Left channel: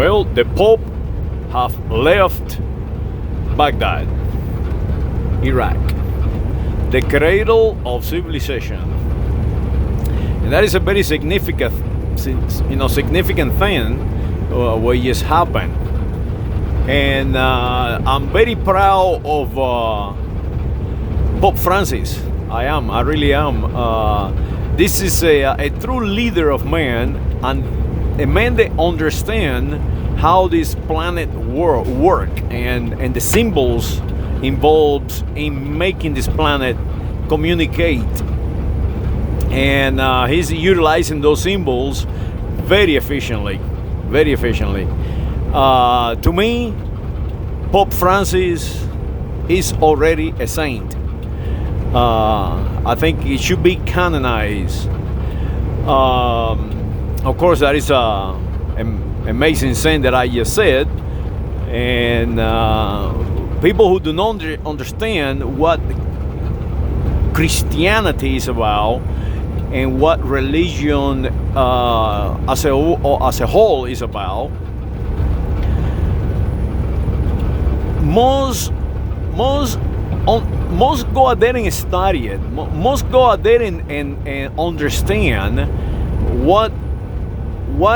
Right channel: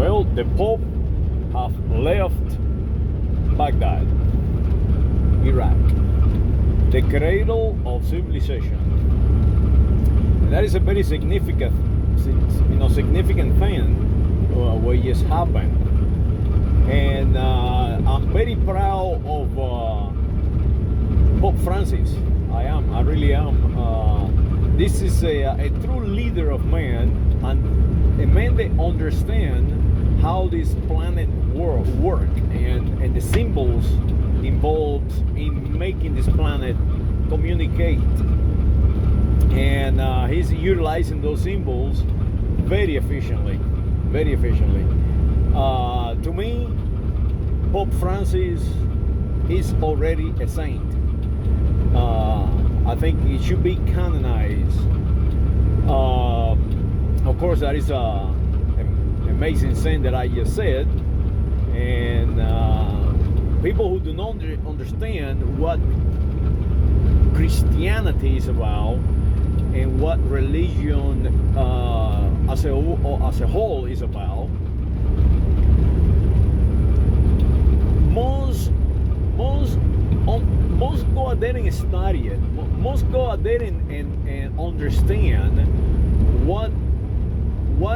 Well, the Pope have left Baghdad, Iraq, the cradle of civilization, and that is a very significant thing what just happened. And I'm very proud of Pope Francis. I really am. This is a true leader of man, and a man that understand how this planet work and the symbols involved in making this planet communicate. And he's utilizing those symbols very efficiently. To me, Pope Francis is already a saint. I think it should be canonized. Of course, that is an amazing saying that I just said. And people who do not understand what Christianity is about and what religion as a whole is about, most go out there and study it. Most go out there and understand what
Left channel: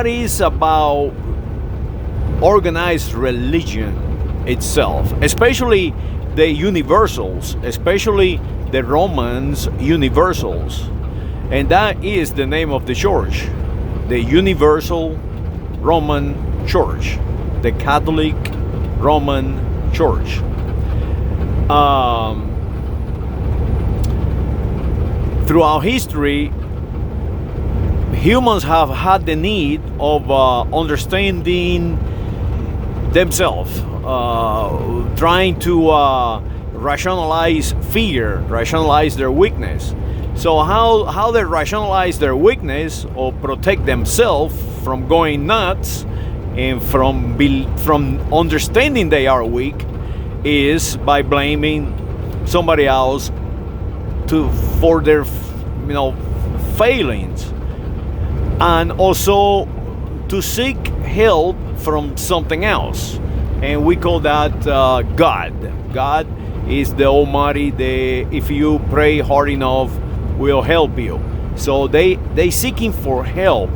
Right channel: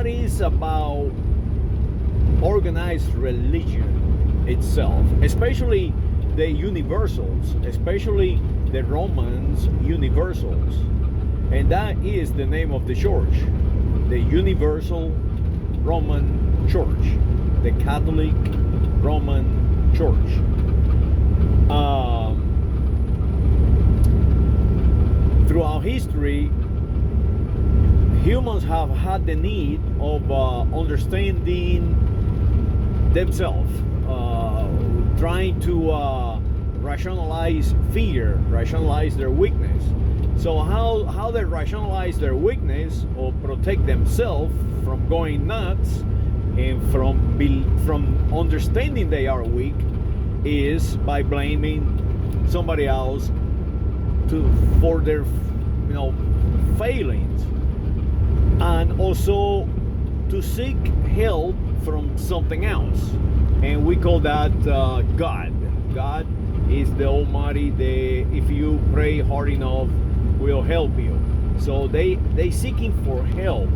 is about organized religion itself, especially the universals, especially the Romans universals. And that is the name of the church, the Universal Roman Church, the Catholic Roman Church. Throughout history, humans have had the need of understanding themselves, trying to rationalize fear, rationalize their weakness. So how they rationalize their weakness or protect themselves from going nuts and from understanding they are weak is by blaming somebody else for their failings, and also to seek help from something else, and we call that God. God is the Almighty. If you pray hard enough, will help you. So they seeking for help,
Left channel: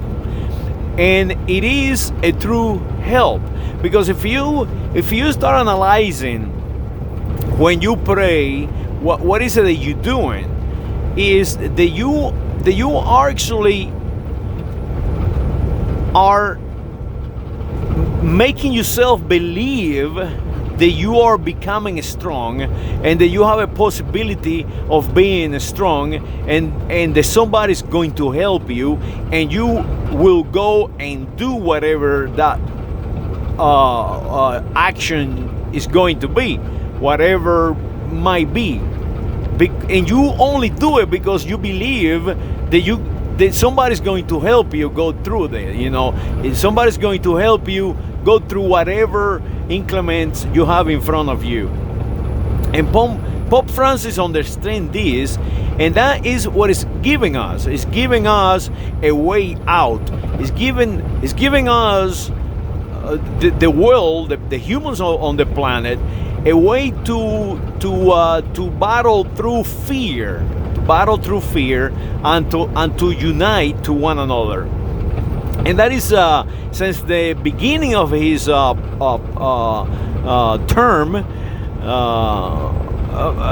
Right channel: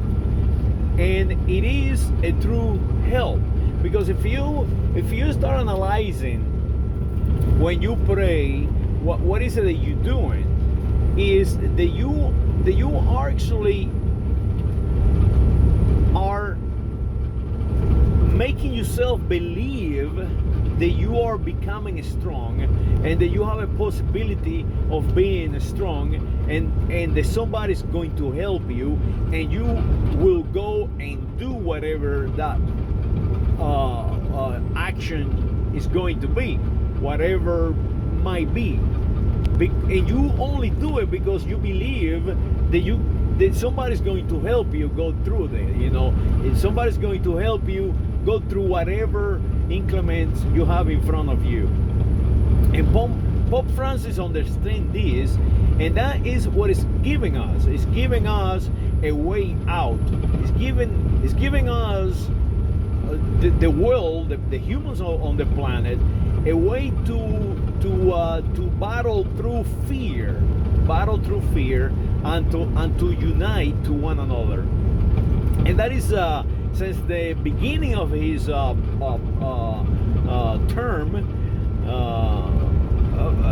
and it is a true help, because if you start analyzing when you pray, what is it that you're doing is that you are actually are making yourself believe that you are becoming strong, and that you have a possibility of being strong, and that somebody's going to help you, and you will go and do whatever that action is going to be, whatever might be. And you only do it because you believe that somebody's going to help you go through that. And somebody's going to help you go through whatever inclements you have in front of you. And Pope Francis understands this, and that is what it's giving us. It's giving us a way out. It's giving us the world, the humans on the planet, a way to battle through fear, and to unite to one another. And that is since the beginning of his term,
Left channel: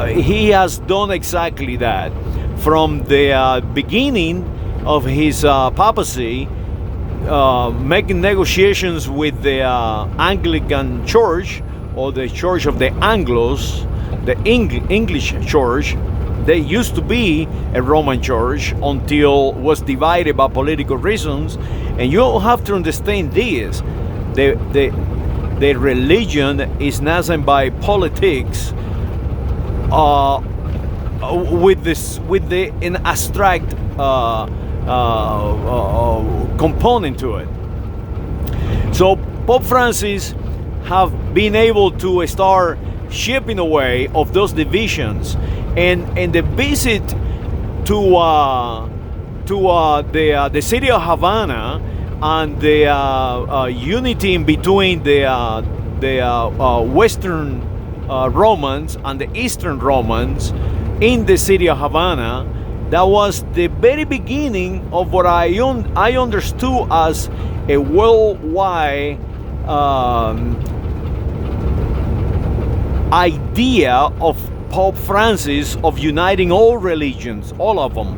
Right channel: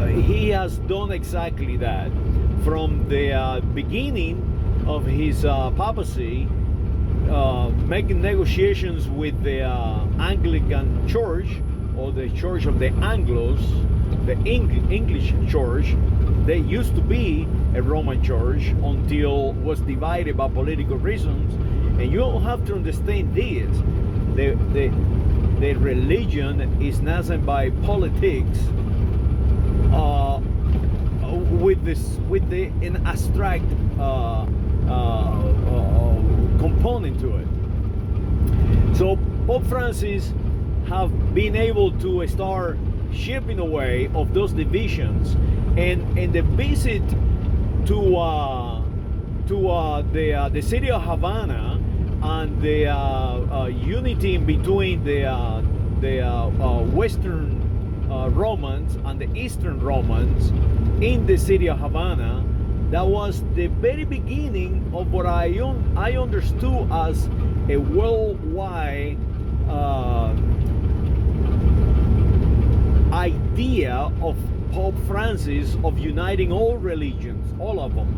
he has done exactly that. From the beginning of his papacy, making negotiations with the Anglican Church, or the Church of the Anglos, the English Church. They used to be a Roman church until was divided by political reasons. And you have to understand this: the religion is nothing by politics, with an abstract component to it. So Pope Francis have been able to start chipping away of those divisions, and the visit to the city of Havana and the unity in between the Western Romans and the Eastern Romans in the city of Havana. That was the very beginning of what I understood as a worldwide idea of Pope Francis of uniting all religions, all of them,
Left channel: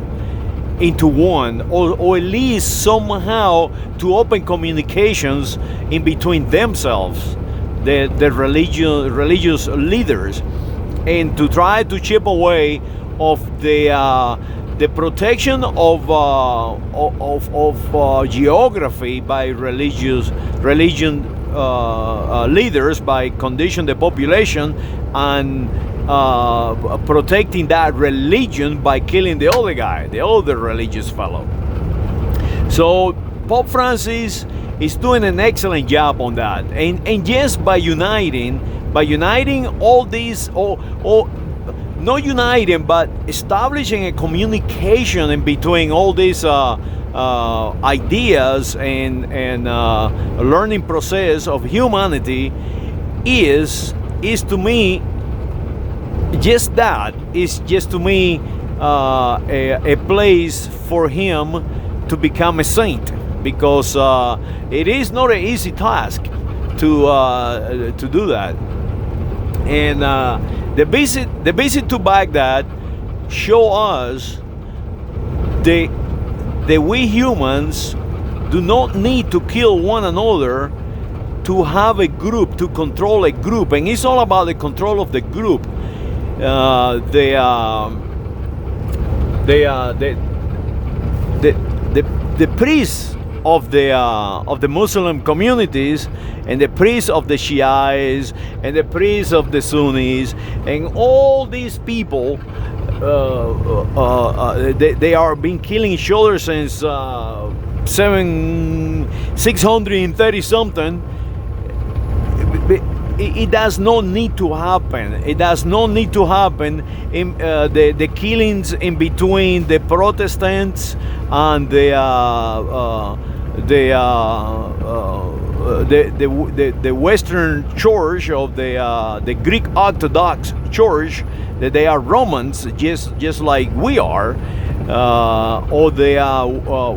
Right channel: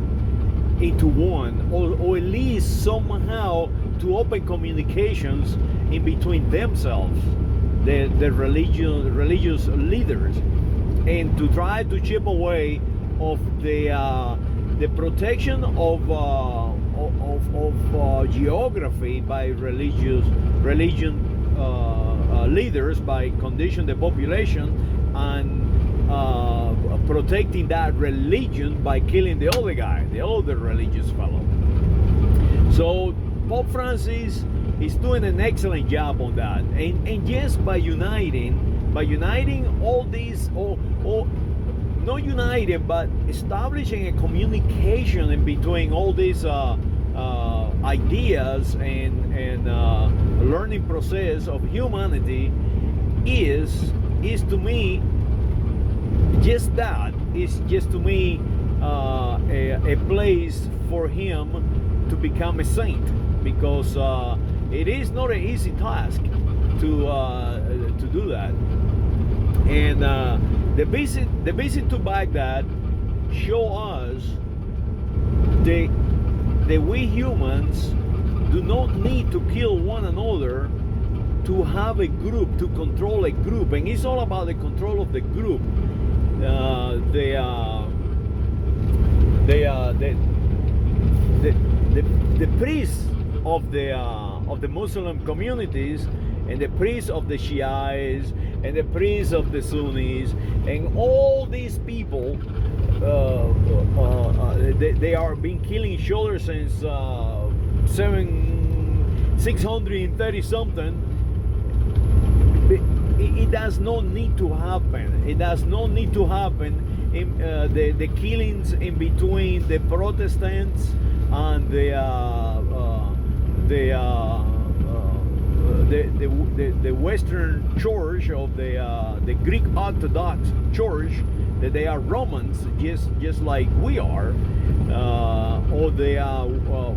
into one, or at least somehow to open communications in between themselves, the religious leaders, and to try to chip away of the protection of geography by religion leaders, by condition the population, and protecting that religion by killing the other guy, the other religious fellow. So Pope Francis is doing an excellent job on that, and just by uniting all these, or not uniting, but establishing a communication in between all these ideas and learning process of humanity is to me just that, is just to me a place for him to become a saint, because it is not an easy task to do that. And the visit to Baghdad show us that we humans do not need to kill one another to have a group, to control a group, and it's all about the control of the group. The priests of the Muslim communities, and the priests of the Shiites, and the priests of the Sunnis, and all these people, they are been killing each other since 630 something. It does not need to happen. It does not need to happen in the killings in between the Protestants and the Western Church of the Greek Orthodox Church, that they are Romans, just like we are, or the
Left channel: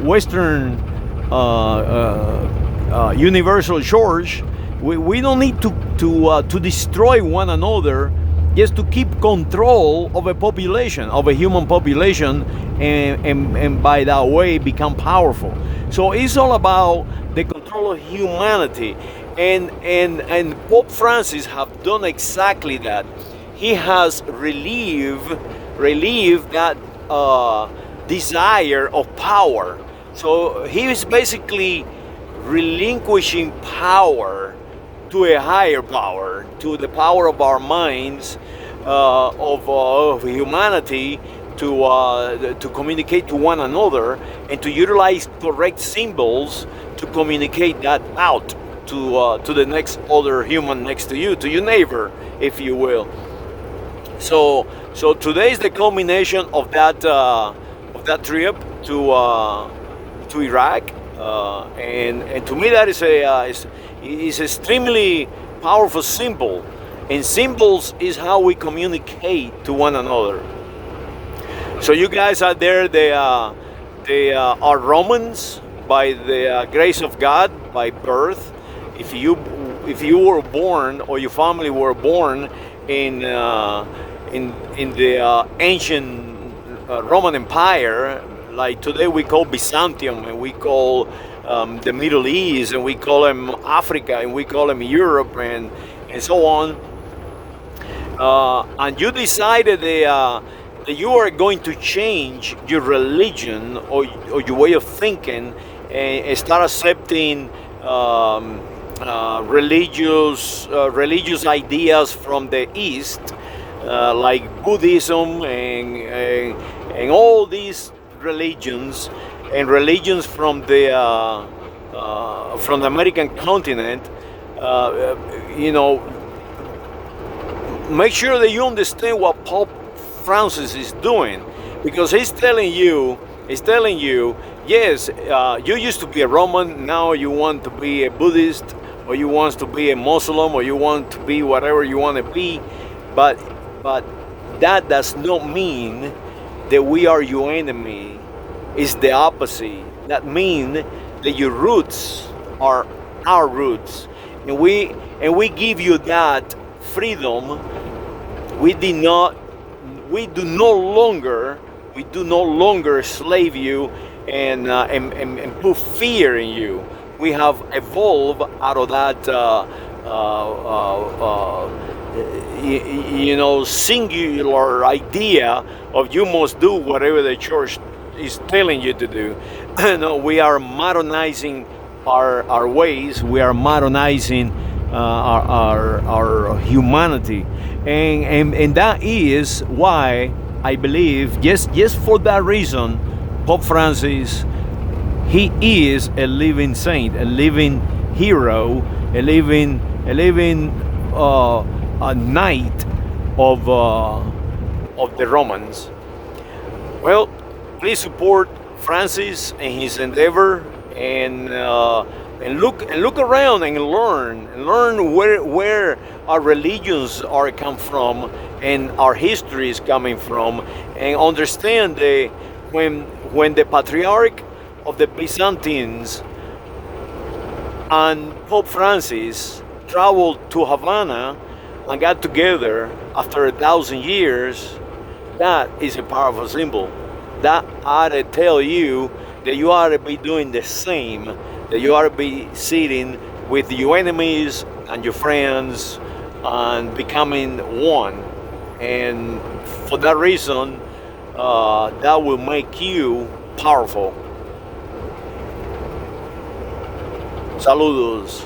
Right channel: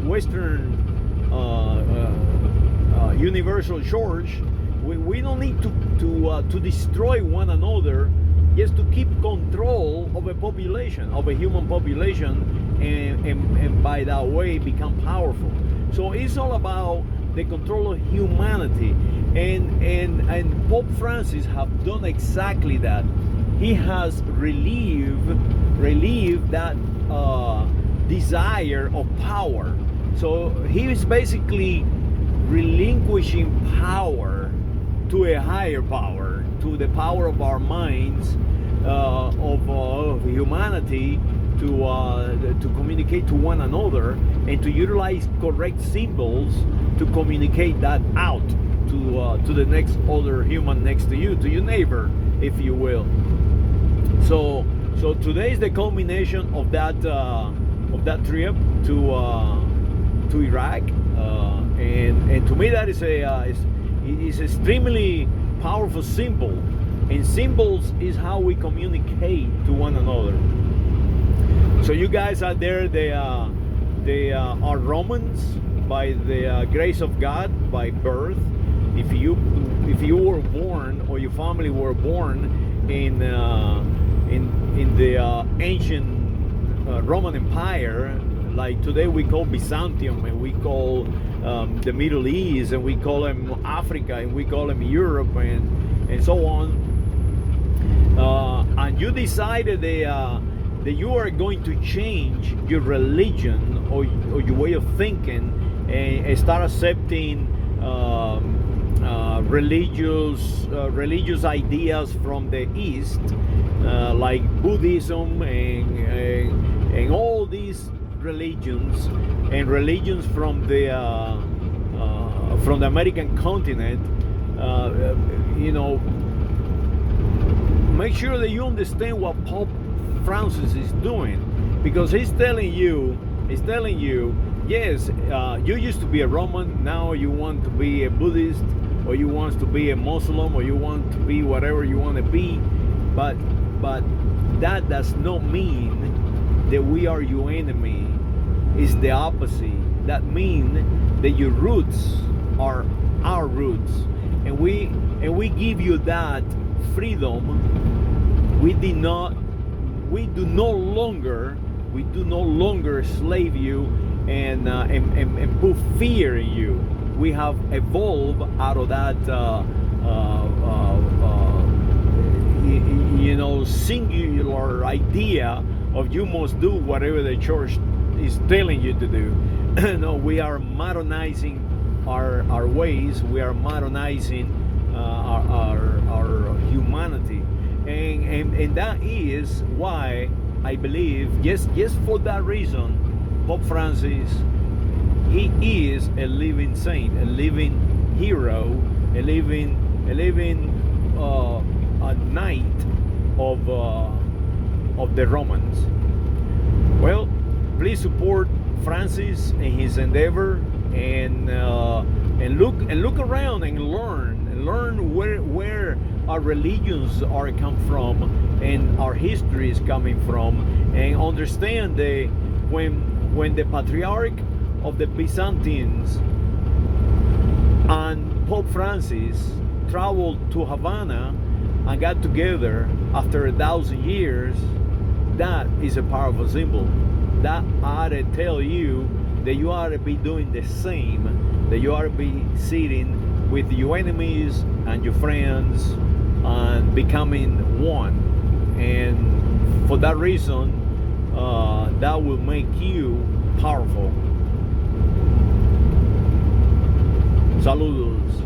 Western Universal Church. We don't need to destroy one another, just to keep control of a population, of a human population, and by that way become powerful. So it's all about the control of humanity, and Pope Francis have done exactly that. He has relieved that desire of power. So he is basically relinquishing power to a higher power, to the power of our minds, of humanity, to communicate to one another, and to utilize correct symbols to communicate that out to the next other human next to you, to your neighbor, if you will. So today is the culmination of that trip to Iraq, and to me that is is extremely powerful symbol, and symbols is how we communicate to one another. So you guys out there, they are Romans by the grace of God, by birth. If you were born, or your family were born in the ancient Roman Empire, like today we call Byzantium, and we call the Middle East, and we call them Africa, and we call them Europe, and so on. And you decided that you are going to change your religion, or your way of thinking, and start accepting religious ideas from the East, like Buddhism and all these religions, and religions from the American continent. Make sure that you understand what Pope Francis is doing, because he's telling you It's telling you, yes, you used to be a Roman, now you want to be a Buddhist, or you want to be a Muslim, or you want to be whatever you want to be, but that does not mean that we are your enemy. It's the opposite. That means that your roots are our roots, and we give you that freedom. We do no longer slave you and put fear in you. We have evolved out of that singular idea of you must do whatever the church is telling you to do. No, we are modernizing our ways. We are modernizing our humanity, and that is why I believe, just for that reason, Pope Francis, he is a living saint, a living hero, a living a knight of the Romans. Well, please support Francis and his endeavor, and look around and learn where our religions are come from and our history is coming from, and understand that when the Patriarch of the Byzantines and Pope Francis traveled to Havana and got together after 1,000 years, that is a powerful symbol. That ought to tell you that you ought to be doing the same, that you ought to be sitting with your enemies and your friends and becoming one. And for that reason, that will make you powerful. Saludos.